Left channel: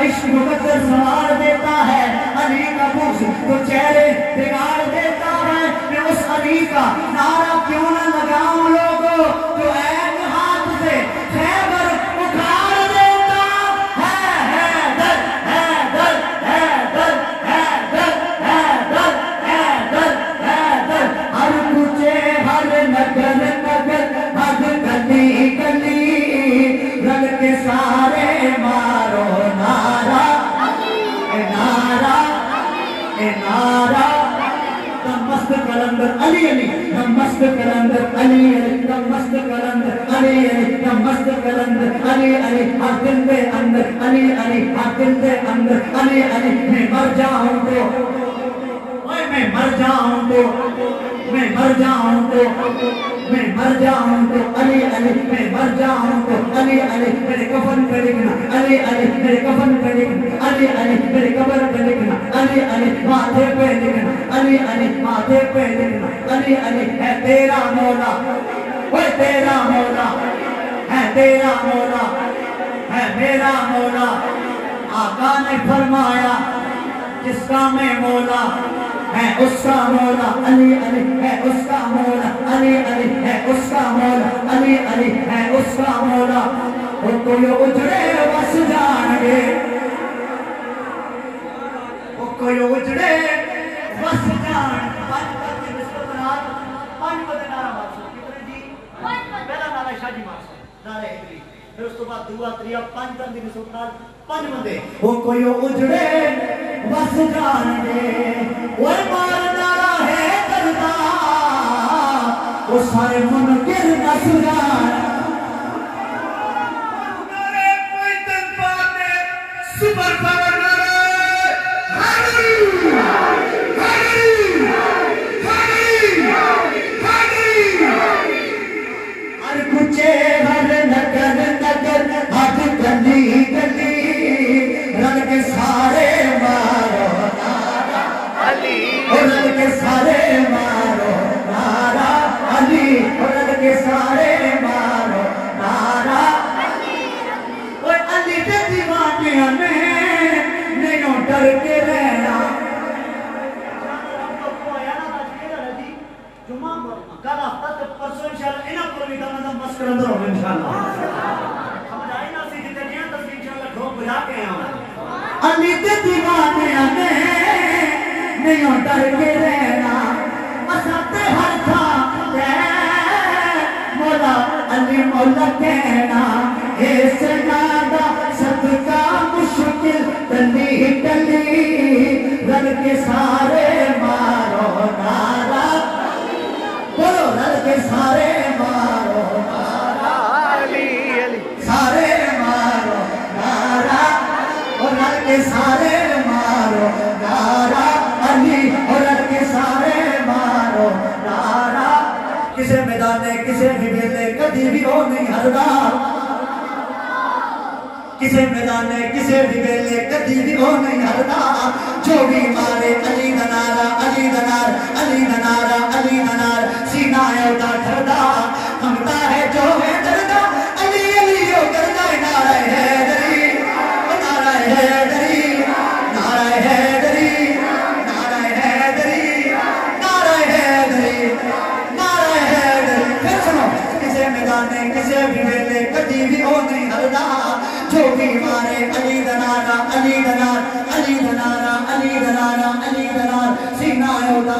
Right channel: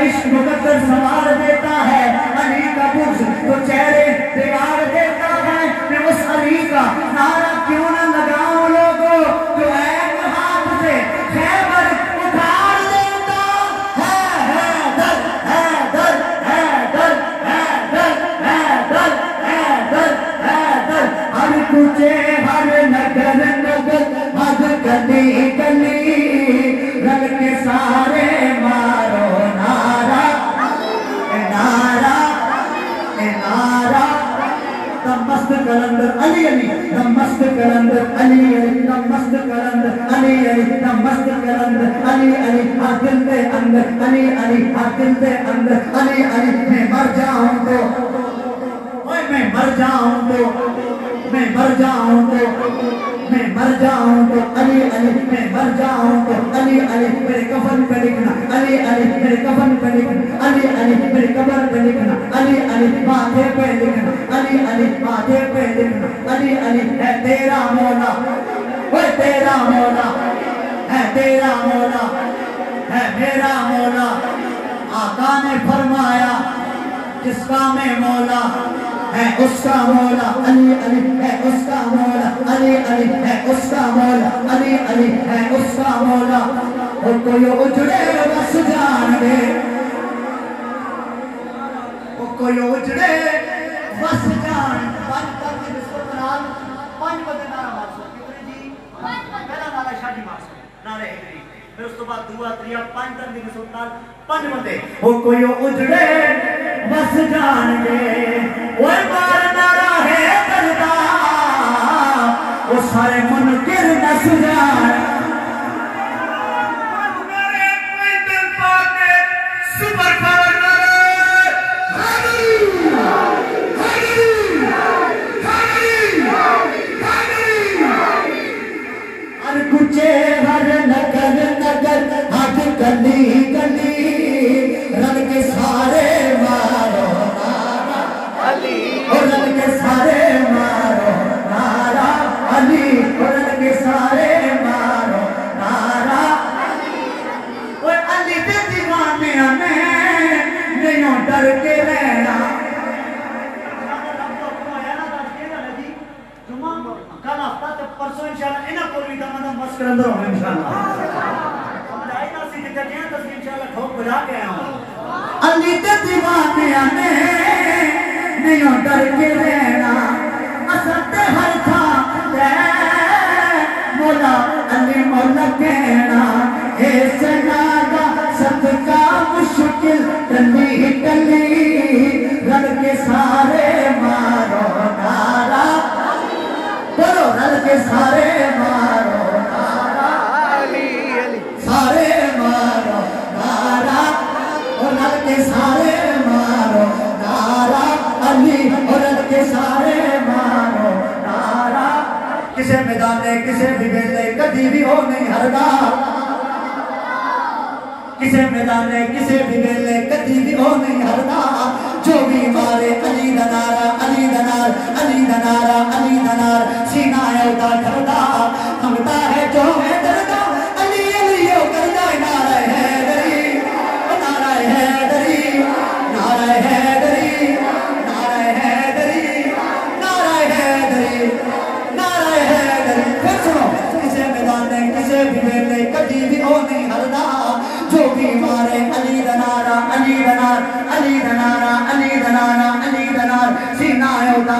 عشق مقدر سوار دیتا ہے، علی کا بغض تو چہرے بگاڑ دیتا ہے۔ میں اس علی کا نعرہ کیوں نہ لگاؤں لوگوں، جو ایک ہاتھ سے خیبر اٹھاڑ دیتا ہے۔ حیدر حیدر حیدر حیدر حیدر حیدر حیدر، ہر کوچے ہر نگر نگر ہر گلی گلی رل کے سارے مارو نعرہ نعرہ نعرہ۔ مست کلندر علی علی مست کلندر علی علی مست کلندر علی علی مست کلندر علی علی ہر دل دے اندر علی علی ہر دل دے اندر علی علی۔ میں مر جاؤں تو میں مر جاؤں تو میں مر جاؤں تو میں مر جاؤں تو علی علی میں مر جاؤں تو علی علی میرے کفن کا لکھنا علی علی میرے کفن کا لکھنا علی علی میرے قبر کا لکھنا علی علی ماتھے پہ لکھنا علی علی ماتھے پہ لکھنا علی علی ہے تیرا مولا، وہ تیرا مولا ہے، تیرا مولا ہے میرا مولا۔ آقا نے فرمایا جس کا میں مولا ہے اس کا مولا علی علی ہے، اس کا مولا علی علی ہے، اس کا مولا علی علی ہے، اس کا مولا۔ وہ کوئی اجڑے بس جان دے، وہ کوئی اجڑے بس جان پانچ بندے نعرہ مارسو کتنے جی؟ پہلا نعرہ شاہ جی مارسو نعرہ ہجری، پھر اس تو بعد دعا تریا پانچ بندے کے سلطان پانچ بندے۔ وہ کوئی اجڑے بس جان دے، وہ مار نعرہ ہے کرتا، وہ سارے منکر نہ سجان۔ میرے کوئی دل پاتے سپر پاور ہر کچے ہر نگر نگر ہر گلی گلی رل کے سارے مارو نعرہ علی، رل کے سارے مارو نعرہ علی، رل کے سارے مارو نعرہ علی۔ علی کے دیوانے میں نہیں ڈر کے رہنا۔ کل ہفتہ تے پرسوں انشاءاللہ انہاں کو بھی دم مس کرندر ہو انشاءاللہ۔ سمجھ آئی نا سی جتے دیاں تصویر انشاءاللہ ٹھوک بجا کے آیا ہوں۔ علی تے دیوانے میں نہیں ڈر کے رہنا، اساں تے ہر تھاں تے مولا علی مولا کہنا۔ اے سنا دا صدقہ مشکل گلی گلی رل کے سارے مارو نعرہ، بولو رل کے سارے مارو نعرہ علی علی، سارے مارو نعرہ، اور رل کے سارے مارو نعرہ علی، اور رل کے سارے مارو نعرہ۔ کسے میدانے کسے بھی ویلے کدی بھی ہو نہیں ہردا، کسے میدانے کسے بھی ویلے کدی بھی ہو نہیں ہردا۔ جو بھی مارے علی دا نعرہ علی دا نعرہ علی دا نعرہ علی دا نعرہ، سینہ اوٹا کھڑدا ہمتا ہے جو ہے دردا علی علی او کردا نعرہ حیدری، نعرہ حیدری نعرہ حیدری نعرہ حیدری نعرہ حیدری نعرہ حیدری۔ پھر سنو کسے میدانے کسے بھی ویلے کبھی بھی ہو نہیں ہردا، جو بھی مارے علی دا نعرہ علی دا نعرہ علی دا نعرہ علی دا نعرہ علی دا نعرہ، سینہ اوٹا